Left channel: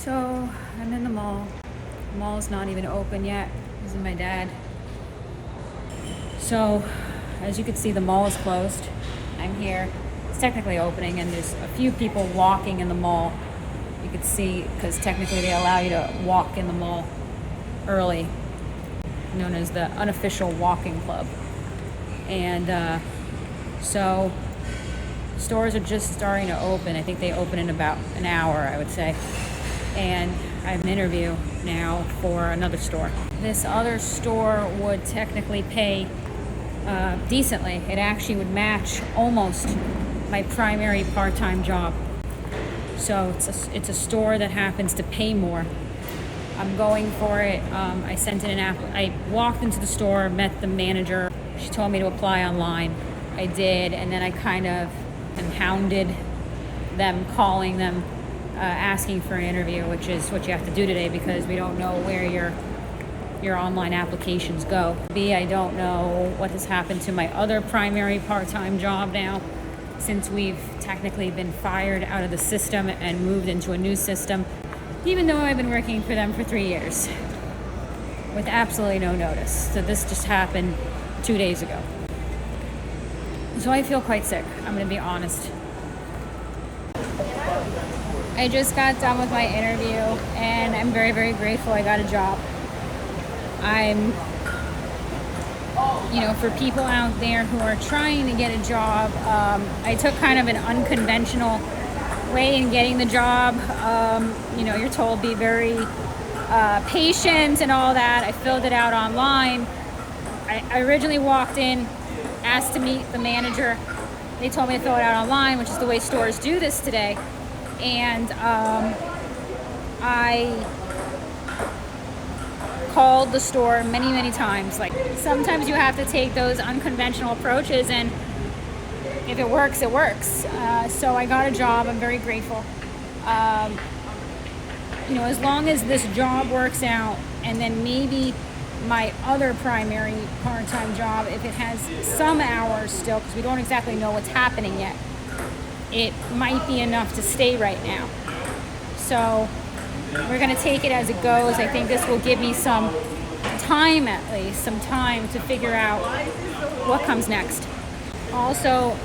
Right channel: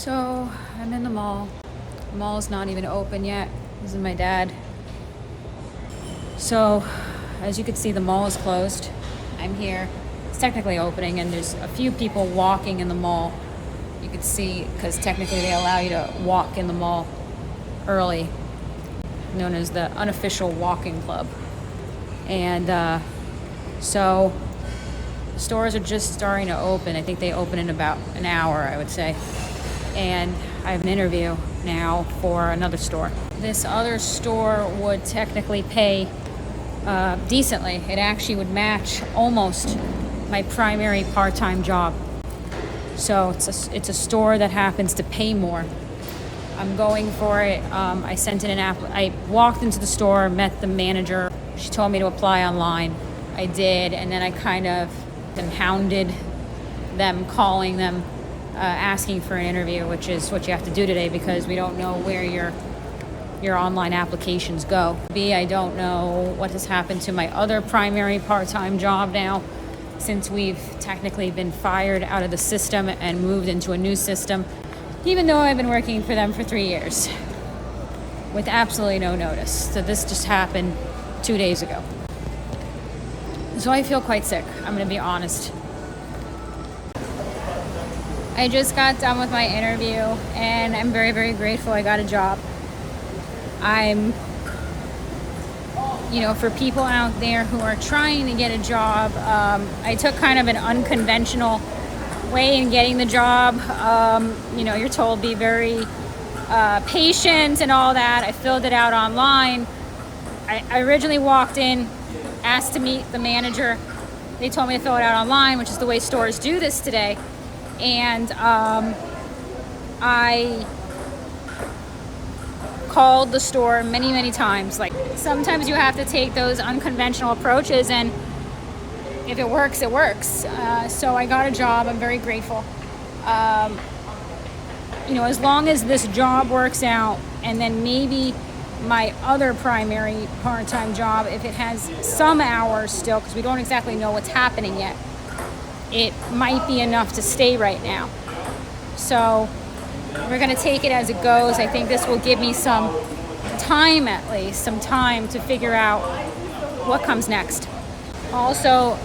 So I'm in the mall. The mall's not even open yet. This is my dad. So as you can see, the mall is closed. I'm here. It's technically opening and there's a few people walking in the mall. You could see, because technically they allow you to walk in the mall early, known as the unofficial walking club. And so stores are just starting to open. I think they open in about an hour, I would say. And I have an interview now for another store. This other store would technically pay decently. It actually would match almost my primary part-time job. So it's a store that happens to pay more. I'm going for it. I sent in an app. I walked into the store, met the manager. She told me to apply online. I did, and then I kind of hounded them, calling them, asking for an interview, which is what you have to do today because we don't know where your online applications go. I don't know what has happened to my other primary part-time job now, since we've technically been fired out of the system and moved into a new system, even though I've been working for them for 3 years with absolutely no notice. So this just happened 2 days ago. So I feel quite sick, I'm gonna be honest. I just got done with my interview and I'm very, very grateful I got a job. For people out there who are trying to get a job, I took kind of an unconventional way in getting the job. You're told be very patient and all that. I filled it out online. I originally walked in, asked to meet the manager. They told me to fill it out online, which is the way stores do this today. And I called the store many, many times. Like, sometimes you have to take those unconventional approaches, and if it works, it works. So I got a job. I'm very grateful. As long as this job works out, and then maybe my other primary part-time job, if it has some hours still, because we don't exactly know what's happening yet, it might be enough to stay right now. So we're going to take it as it goes. I think this will give me some time, at least some time to figure out what comes next. Also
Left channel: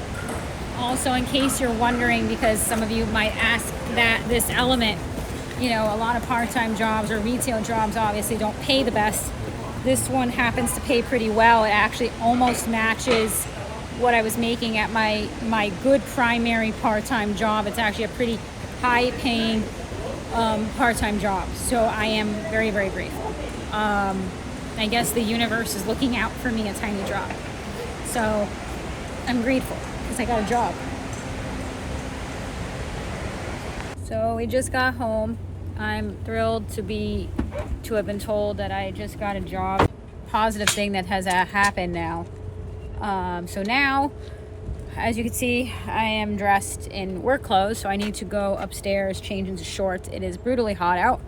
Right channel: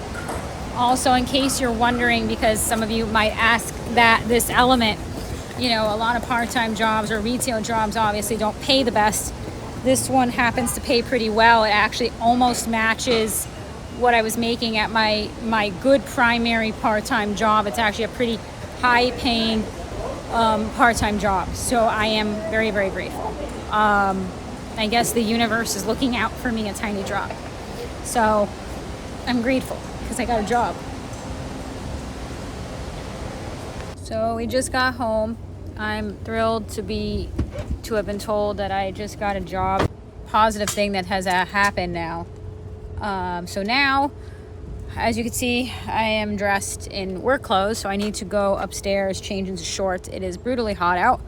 in case you're wondering, because some of you might ask that this element, a lot of part-time jobs or retail jobs obviously don't pay the best. This one happens to pay pretty well. It actually almost matches what I was making at my good primary part-time job. It's actually a pretty high-paying part-time job. So I am very, very grateful. I guess the universe is looking out for me a tiny drop. So I'm grateful because I got a job. So we just got home. I'm thrilled to have been told that I just got a job. Positive thing that has happened now. So now, as you can see, I am dressed in work clothes, so I need to go upstairs, change into shorts. It is brutally hot out,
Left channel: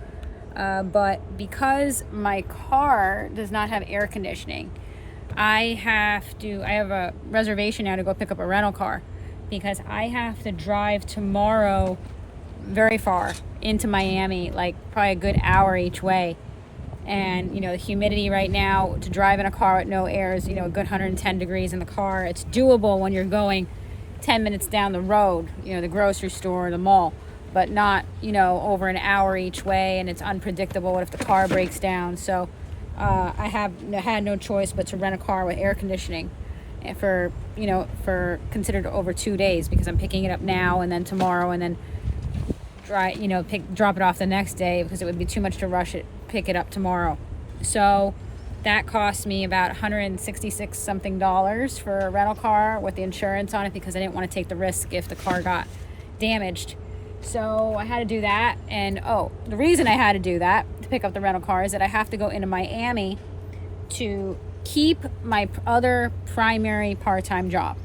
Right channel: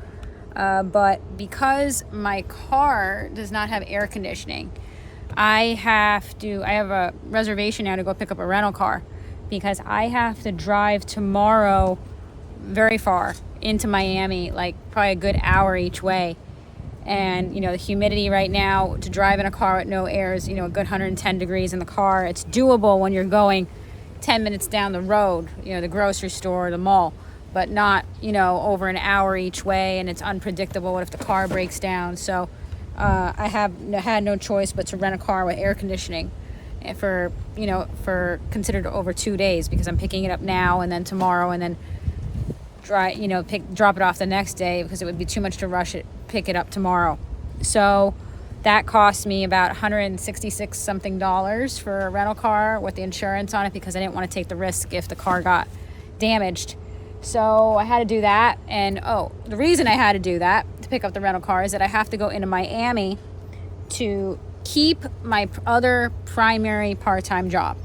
but because my car does not have air conditioning, I have a reservation now to go pick up a rental car, because I have to drive tomorrow very far into Miami, like probably a good hour each way. And the humidity right now to drive in a car with no air is a good 110 degrees in the car. It's doable when you're going 10 minutes down the road, the grocery store, the mall, but not over an hour each way. And it's unpredictable. What if the car breaks down? So I had no choice but to rent a car with air conditioning for considered over 2 days, because I'm picking it up now and then tomorrow and then drop it off the next day, because it would be too much to pick it up tomorrow. So that cost me about $166 something for a rental car with the insurance on it, because I didn't want to take the risk if the car got damaged. So I had to do that. And the reason I had to do that, to pick up the rental car, is that I have to go into Miami to keep my other primary part-time job.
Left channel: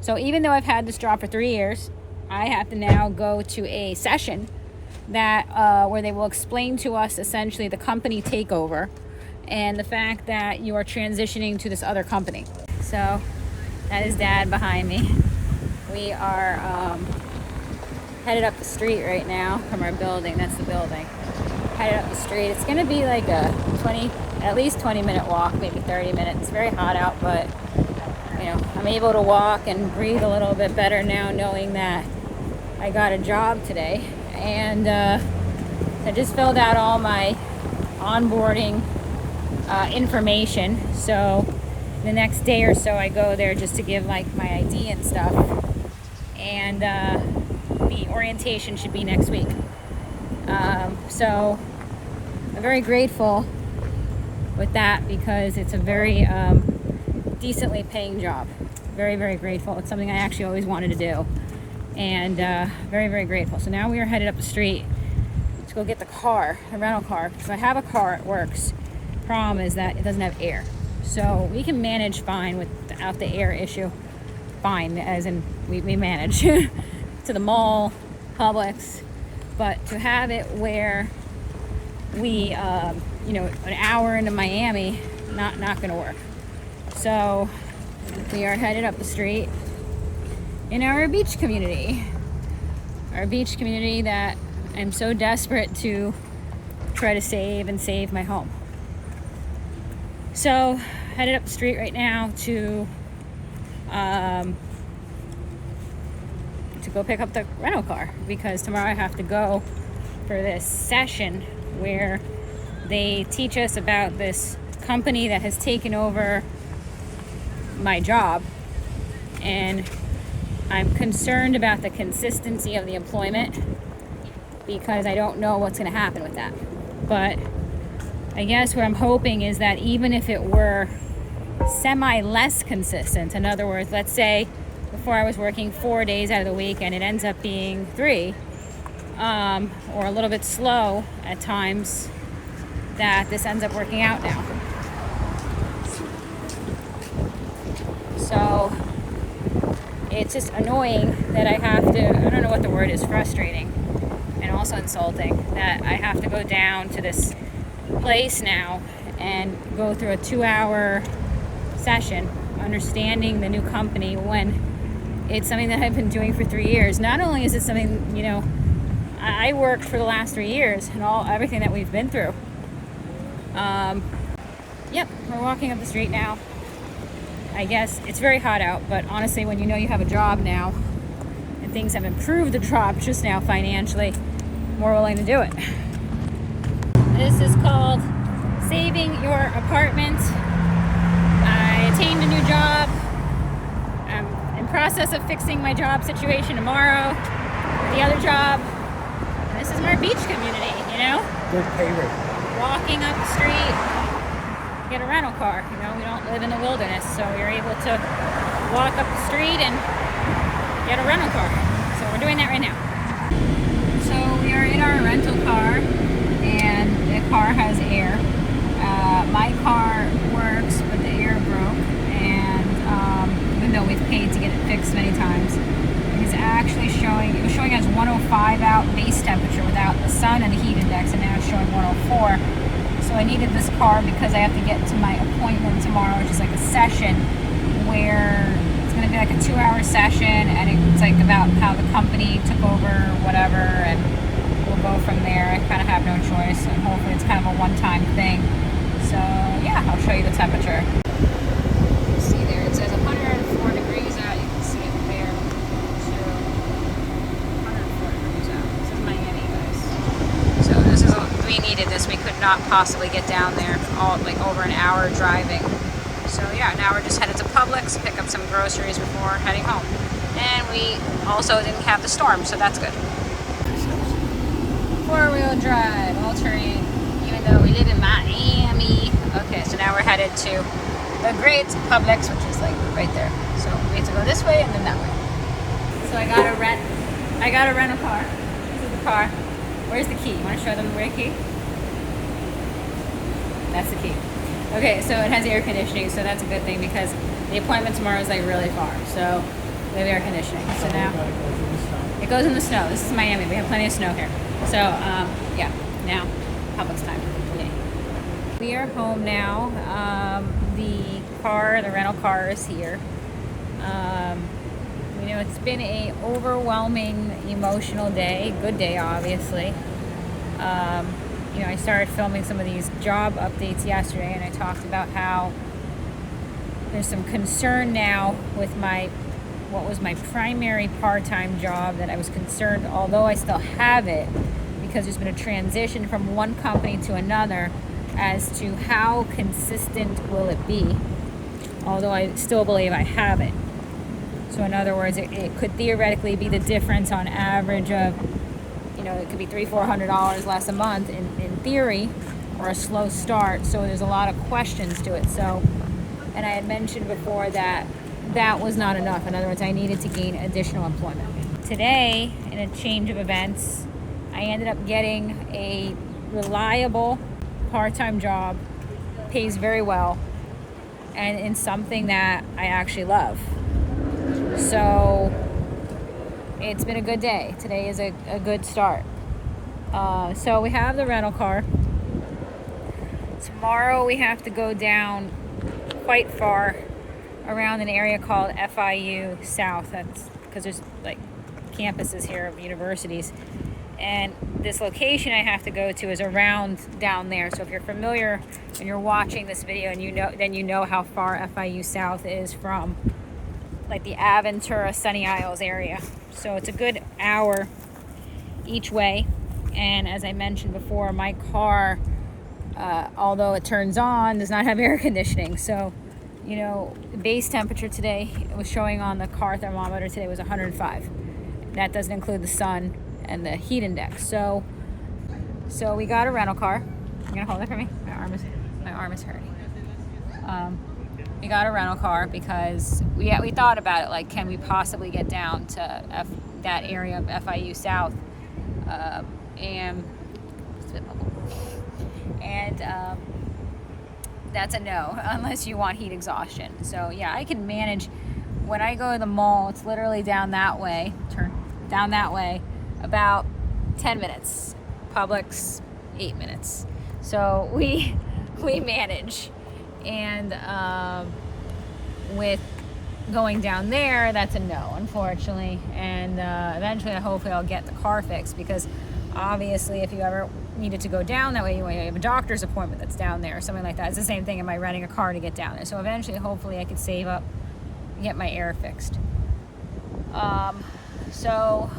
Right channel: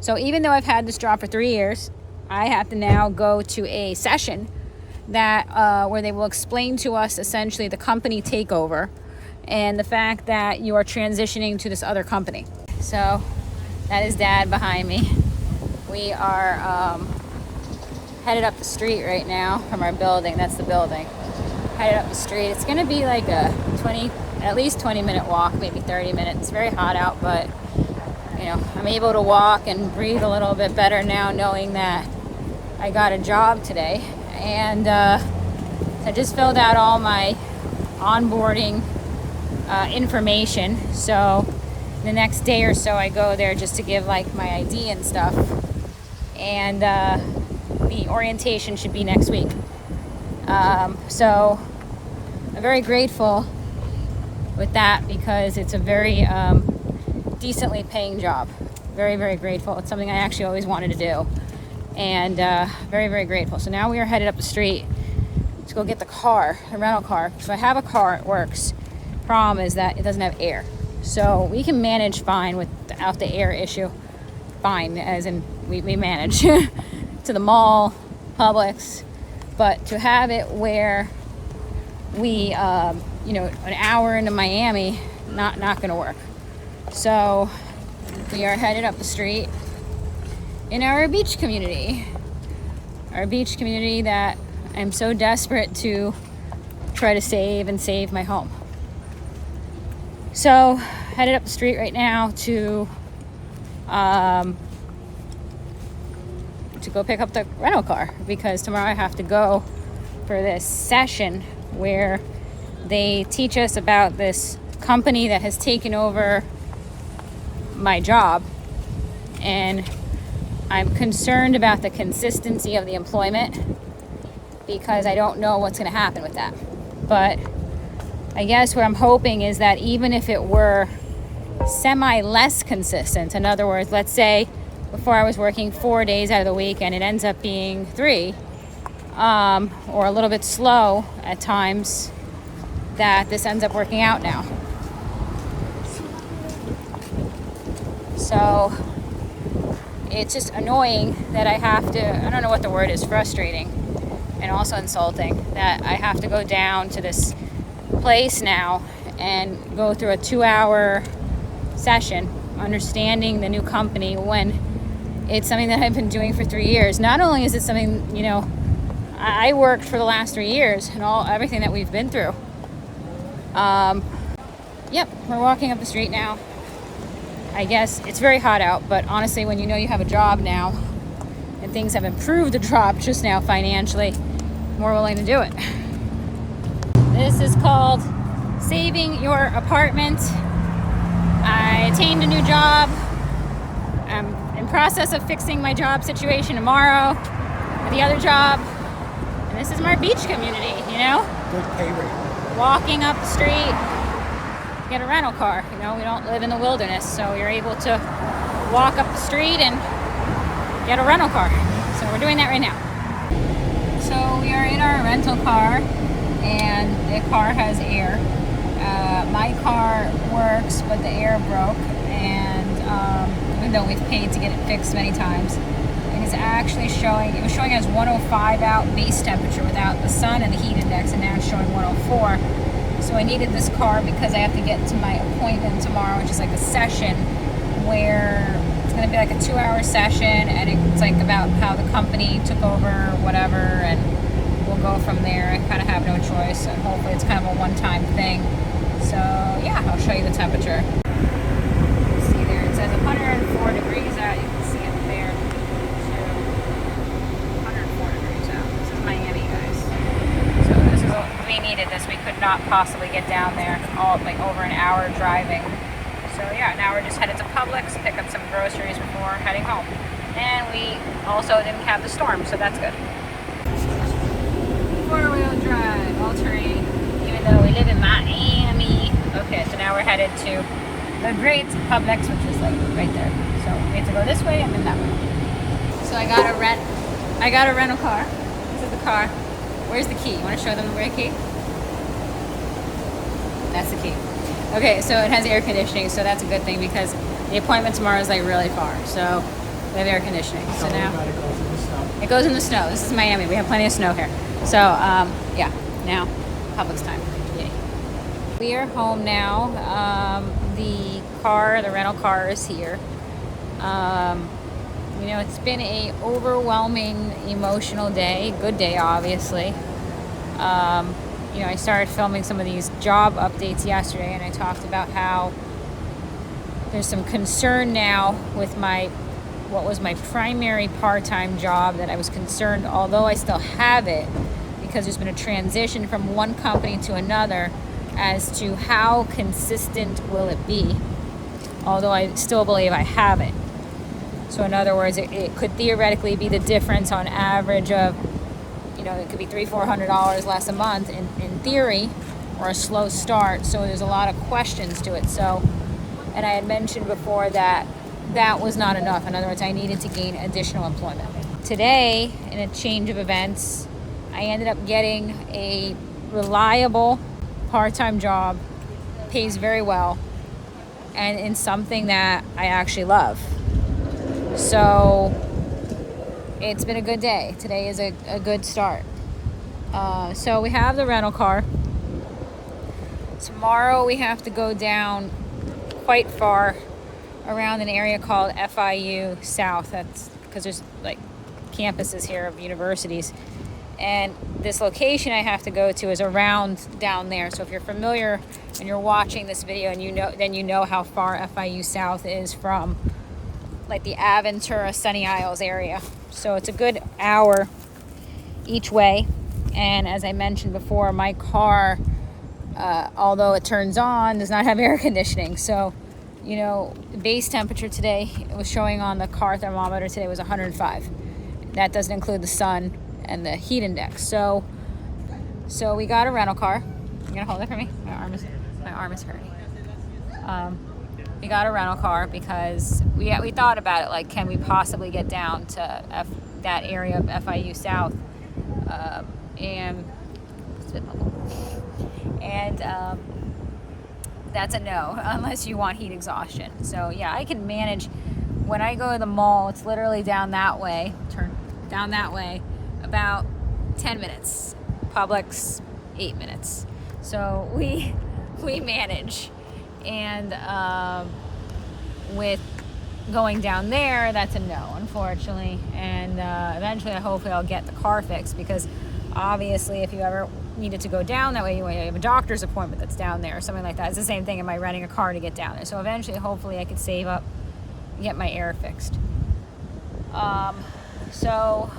So even though I've had this job for 3 years, I have to now go to a session that where they will explain to us essentially the company takeover and the fact that you are transitioning to this other company. So that is Dad behind me. We are headed up the street right now from our building. That's the building. Headed up the street. It's gonna be like a at least 20-minute walk, maybe 30 minutes. It's very hot out, but you know, I'm able to walk and breathe a little bit better now, knowing that I got a job today. And I just filled out all my onboarding information. So the next day or so, I go there just to give like my ID and stuff. And the orientation should be next week. So I'm very grateful with that because it's a very decently paying job. Very, very grateful. It's something I actually always wanted to do. And very, very grateful. So now we are headed up the street to go get the rental car. So I have a car, it works. Problem is that it doesn't have air. So we can manage fine without the air issue. Fine, as in we manage to the mall, Publix, but to have it where we, you know, an hour into Miami, not gonna work. So we are headed up the street in our beach community. Our beach community that I'm so desperate to try to save my home. So headed up the street right now to go pick up the rental car because tomorrow I have to go for this session where they teach us about this company that has taken over my job, and I'm concerned about the consistency of the employment because I don't know what's going to happen with that. But I guess what I'm hoping is that even if it were semi less consistent, in other words, let's say before I was working 4 days out of the week and it ends up being 3, or a little bit slow at times, that this ends up working out now. So it's just annoying that I have to, I don't know what the word is, frustrating and also insulting that I have to go down to this place now and go through a 2-hour session understanding the new company when it's something that I've been doing for 3 years. Not only is it something, you know, I worked for the last 3 years and everything that we've been through. Yep, we're walking up the street now. I guess it's very hot out, but honestly, when you know you have a job now and things have improved the job just now financially, more willing to do it. This is called Saving Your Apartment. I attained a new job. I'm in process of fixing my job situation tomorrow. The other job. And this is my beach community, you know? Good pay rate. Walking up the street, get a rental car. You know, we don't live in the wilderness, so you're able to walk up the street and get a rental car. So we're doing that right now. So we are in our rental car, and the car has air. My car works, but the air broke, and even though we've paid to get it fixed many times, it is actually showing, it was showing as 105 out base temperature without the sun and the heat index, and now it's showing 104. So I needed this car because I have to get to my appointment tomorrow, which is like a session where it's going to be like a 2-hour session, and it's like about how the company took over, whatever, and we'll go from there. I kind of have no choice, and hopefully it's kind of a one-time thing. So yeah, I'll show you the temperature. See there, it says 104 degrees out. You can see it there. So 104 degrees out. This is Miami, guys. So this is, we needed this. We could not possibly get down there, all like over an hour driving. So yeah, now we're just headed to Publix, pick up some groceries before heading home. And we also didn't have the storm, so that's good. 4-wheel drive, all terrain, even though we live in Miami. Okay, so now we're headed to the great Publix, which is like right there. So we have to go this way and then that way. So I got a rental car. This is the car. Where's the key? You want to show them where the key? That's the key. Okay, so it has air conditioning, so that's a good thing because the appointment tomorrow is like really far. So we have air conditioning. So now it goes in the snow. This is Miami. We have plenty of snow here. So yeah, now Publix time. Yay. We are home now. The rental car is here. You know, it's been a overwhelming, emotional day. Good day, obviously. You know, I started filming some of these job updates yesterday, and I talked about how there's some concern now with what was my primary part-time job, that I was concerned, although I still have it, because there's been a transition from one company to another, as to how consistent will it be, although I still believe I have it. So in other words, it could theoretically be the difference on average of, you know, it could be $300-400 less a month in theory, or a slow start. So there's a lot of questions to it. So, and I had mentioned before that that was not enough. In other words, I needed to gain additional employment. Today, in a change of events, I ended up getting a reliable part-time job, pays very well, and in something that I actually love. So it's been a good day. Today is a good start. So we have the rental car. Tomorrow we have to go down quite far around an area called FIU South. That's because there's like campuses here of universities. And this location I have to go to is around down there. So if you're familiar and you're watching this video, and you know how far FIU South is from like the Aventura, Sunny Isles area. So it's a good hour each way. And as I mentioned before, my car, although it turns on, does not have air conditioning. So, you know, the base temperature today, it was showing on the car thermometer today, was 105. That doesn't include the sun and the heat index. So we got a rental car. You gonna hold it for me? My arm is hurting. We got a rental car because we thought about it, like, can we possibly get down to that area of FIU South, and that's a no, unless you want heat exhaustion. So yeah, I can manage. When I go to the mall, it's literally down that way, turn down that way, about 10 minutes. Publix, 8 minutes. So we manage. And with going down there, that's a no, unfortunately. And eventually, hopefully, I'll get the car fixed, because obviously, if you ever needed to go down that way, you have a doctor's appointment that's down there or something like that. It's the same thing. Am I renting a car to get down there? So eventually, hopefully, I could save up and get my air fixed. So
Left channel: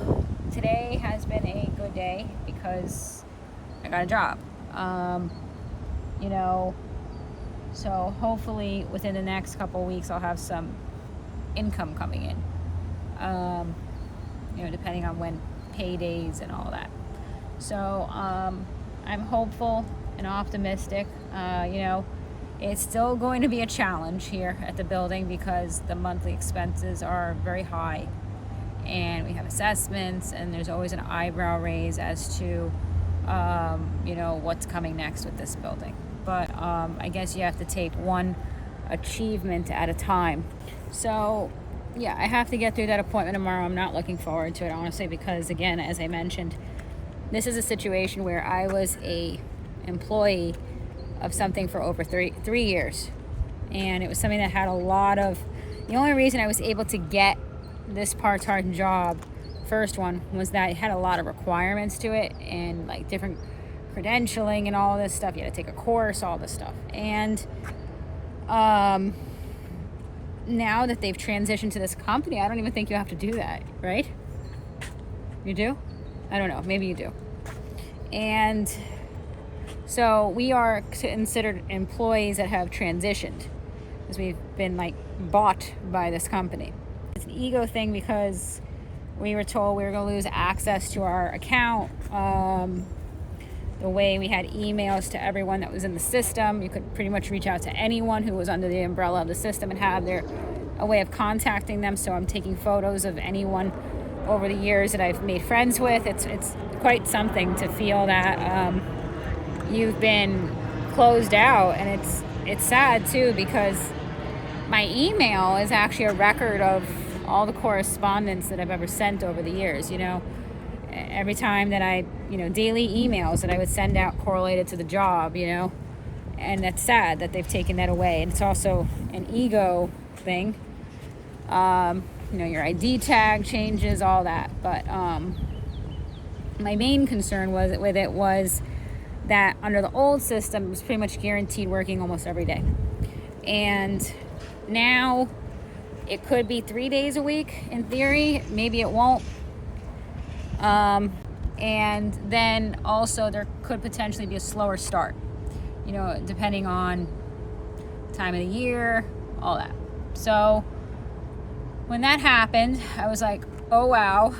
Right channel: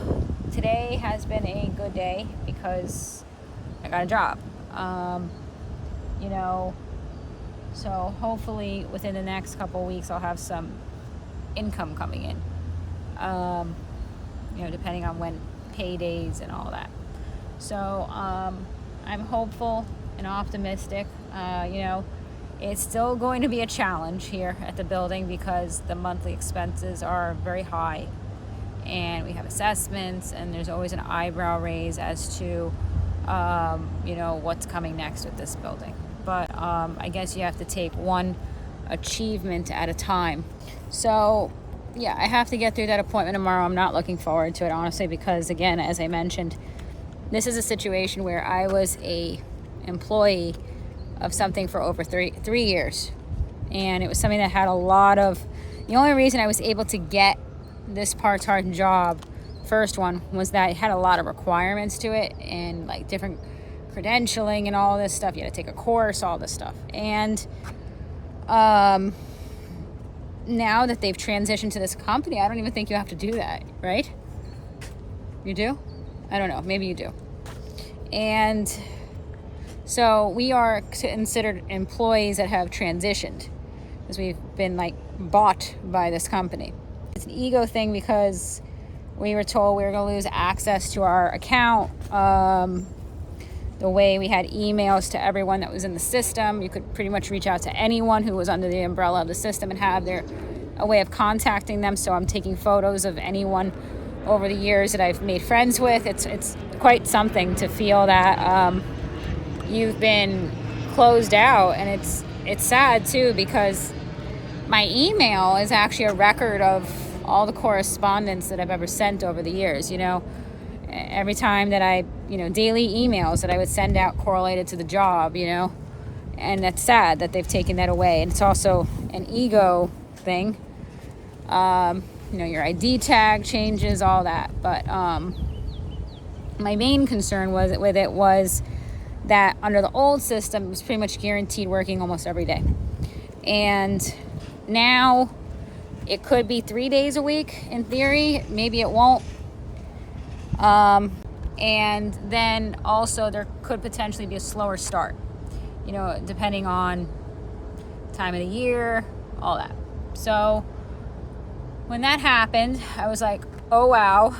today has been a good day because I got a job. You know. So hopefully within the next couple weeks, I'll have some income coming in, you know, depending on when paydays and all that. So I'm hopeful and optimistic. You know, it's still going to be a challenge here at the building because the monthly expenses are very high, and we have assessments, and there's always an eyebrow raise as to, you know, what's coming next with this building. But I guess you have to take one achievement at a time. So yeah, I have to get through that appointment tomorrow. I'm not looking forward to it, honestly, because again, as I mentioned, this is a situation where I was a employee of something for over three years, and it was something that had a lot of, the only reason I was able to get this part-time job, first one, was that it had a lot of requirements to it, and like different credentialing and all this stuff. You had to take a course, all this stuff. And now that they've transitioned to this company, I don't even think you have to do that, right? You do? I don't know. Maybe you do. And so we are considered employees that have transitioned, because we've been like bought by this company. It's an ego thing because we were told we were going to lose access to our account. The way we had emails to everyone that was in the system, you could pretty much reach out to anyone who was under the umbrella of the system and have a way of contacting them. So I'm taking photos of anyone over the years that I've made friends with. It's quite something to feel that you've been closed out, and it's sad too, because my email is actually a record of all the correspondence that I've ever sent over the years. You know, every time that I, you know, daily emails that I would send out correlated to the job, you know, and that's sad that they've taken that away. And it's also an ego thing. you know, your ID tag changes, all that. But my main concern with it was that under the old system, it was pretty much guaranteed working almost every day. And now it could be 3 days a week in theory. Maybe it won't. And then also there could potentially be a slower start, you know, depending on time of the year, all that. So when that happened, I was like, oh wow,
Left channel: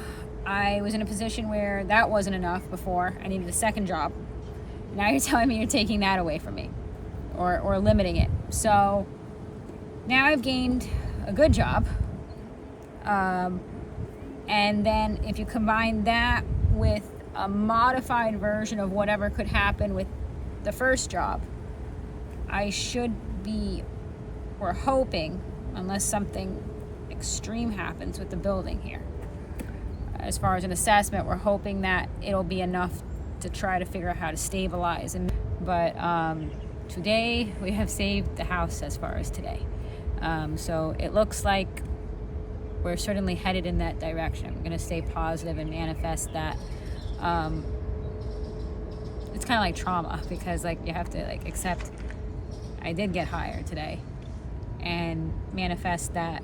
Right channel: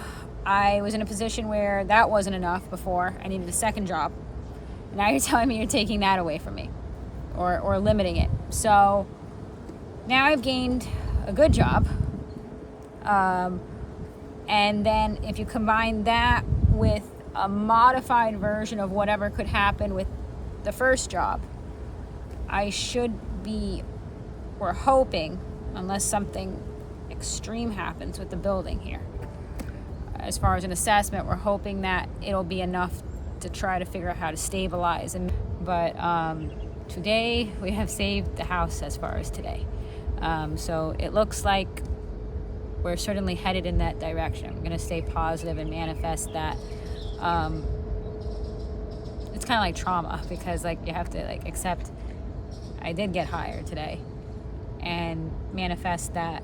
I was in a position where that wasn't enough before. I needed a second job. Now you're telling me you're taking that away from me, or limiting it. So now I've gained a good job. And then if you combine that with a modified version of whatever could happen with the first job, I should be, we're hoping, unless something extreme happens with the building here, as far as an assessment, we're hoping that it'll be enough to try to figure out how to stabilize. But today we have saved the house as far as today. So it looks like we're certainly headed in that direction. We're going to stay positive and manifest that. It's kind of like trauma, because like you have to like accept I did get hired today, and manifest that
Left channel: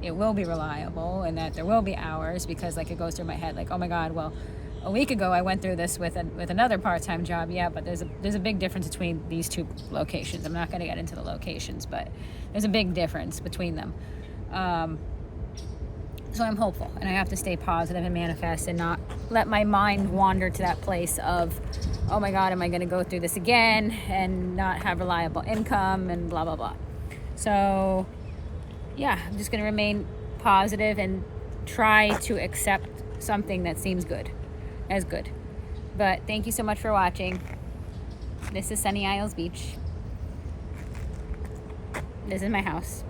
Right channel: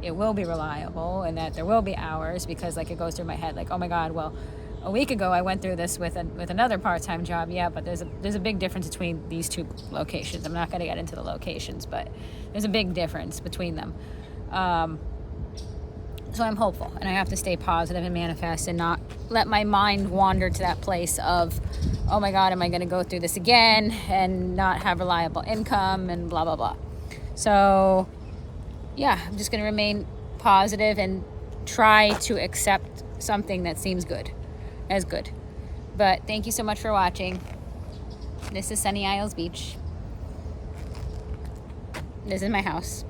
it will be reliable and that there will be hours, because like it goes through my head like, oh my God, well, a week ago I went through this with another part-time job. Yeah, but there's a big difference between these two locations. I'm not going to get into the locations, but there's a big difference between them. So I'm hopeful, and I have to stay positive and manifest and not let my mind wander to that place of, oh my God, am I going to go through this again and not have reliable income and blah, blah, blah. So yeah, I'm just going to remain positive and try to accept something that seems good as good. But thank you so much for watching. This is Sunny Isles Beach. This is my house.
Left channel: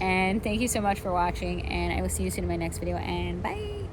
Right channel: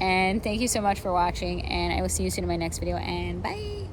And thank you so much for watching, and I will see you soon in my next video, and bye.